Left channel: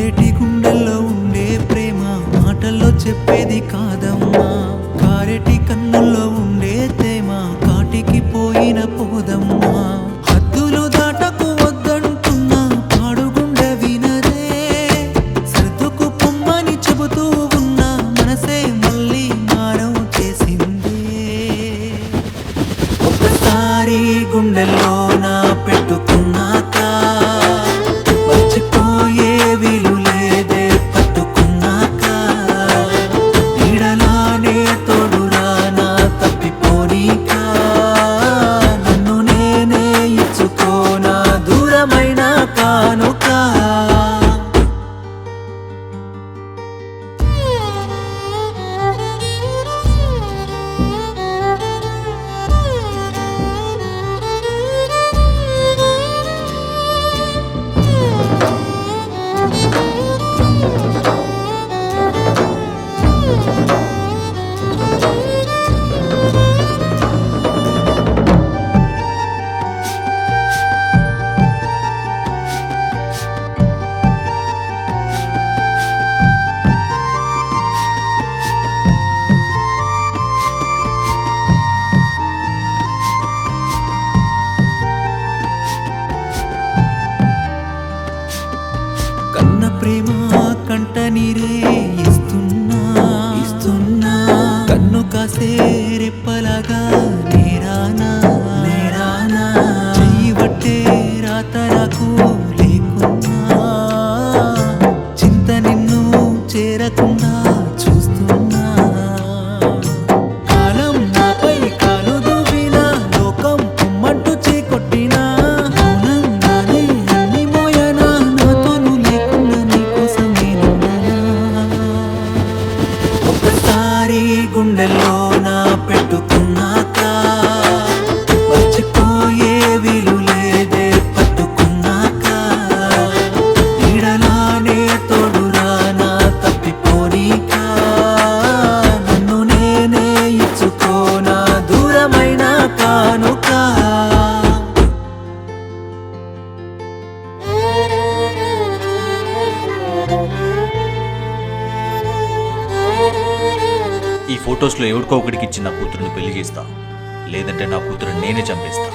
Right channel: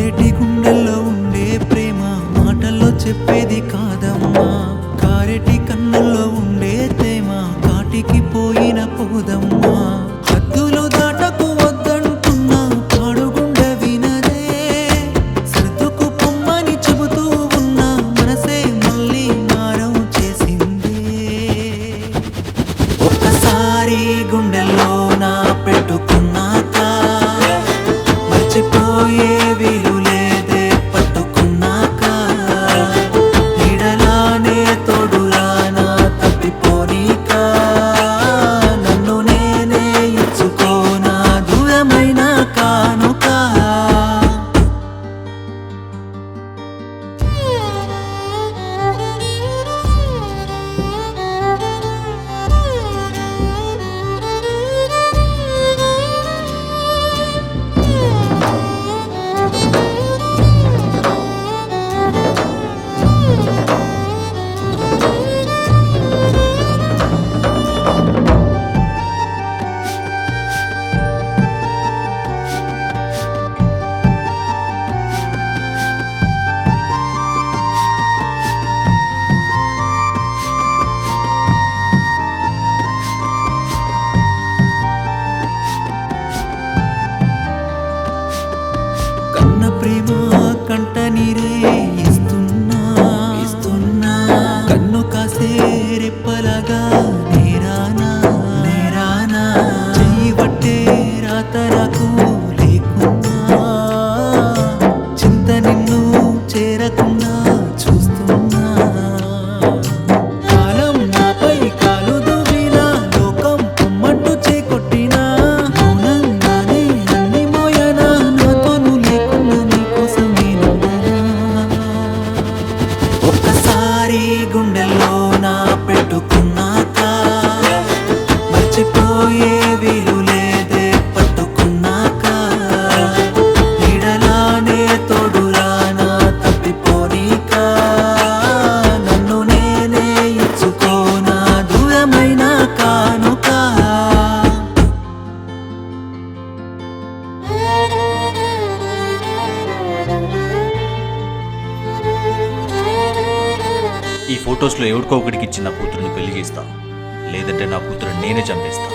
మండేటి గుండెల్లో ఉండే ప్రేమ మాటల్లో చెప్పేది కాదమ్మా. కారెటి కన్నుల్లో ఉండే తేమ కాటికి పోయిన పోదమ్మా. హద్దులు దాటకు వద్దంటున్నా పాడుగుండె వినదే. సర్దుకు పొమ్మని చెబుతూ ఉన్నా మనసే మళ్ళీ మారం చేసిందే. ఒక్కసారి గుండెల్లో నా పెట్టుకున్నాక మర్చిపోయే వీలు లేదే. పట్టుకున్నాక నీడలానే తోడురా నా తప్పిపోనీక. నన్ను నేనే ఇచ్చుకోనా దూరమైన కానుక. కన్న ప్రేమ కంట నీరే ఇస్తున్నా. కన్ను కాసే రెప్పలాగా నేరానా. చెయ్యి పట్టే రాత నాకు లేకున్నా. చింత నిన్ను చేరకుండా చూస్తున్నా. కాలం నాపై కాలు దువ్వినా లోకం పొమ్మంటూ చేకొట్టినా మౌనంగానే అన్ని మోయనా. నాతోను లేకున్నా నీకోసం నేనున్నానా. ఒక్కసారి గుండెల్లో నా పెట్టుకున్నాక మర్చిపోయే వీలు లేదే. పట్టుకున్నాక నీడలానే తోడురా నా తప్పిపోనీక. నన్ను నేనే ఇచ్చుకోనా దూరమైన కానుక. ఈ ఫొటోస్లో ఎవరికో ఒకటికి ఇచ్చిన నా కూతురుని పెళ్లి చేస్తా, లేదంటే నా కూతురుని నేనే చంపేస్తా.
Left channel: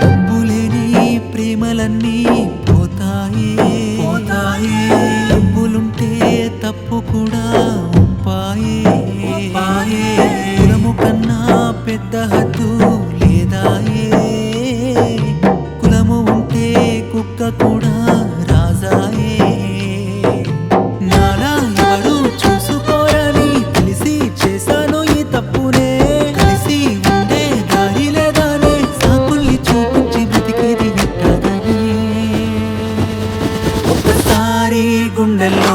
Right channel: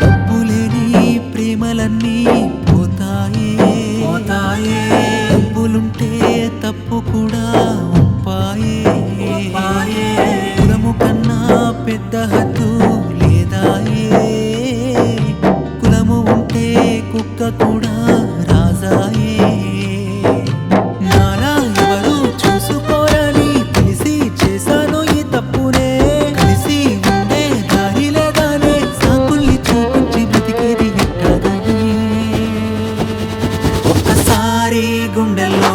డబ్బులేని ప్రేమలన్నీ పోతాయే. డబ్బులుంటే తప్పు కూడా ఒప్పాయే. కులము కన్నా పెద్ద హద్దు లేదాయే. కులము ఉంటే కుక్క కూడా రాజాయే. నాలా ఎవరు చూసుకోరని తెలిసి చేశాను ఈ తప్పునే. కలిసి ఉండే దారి లేదానే సాకుల్ని చూపించి బ్రతికేది ఎట్టగనే. ఒక్కసారి గుండెల్లో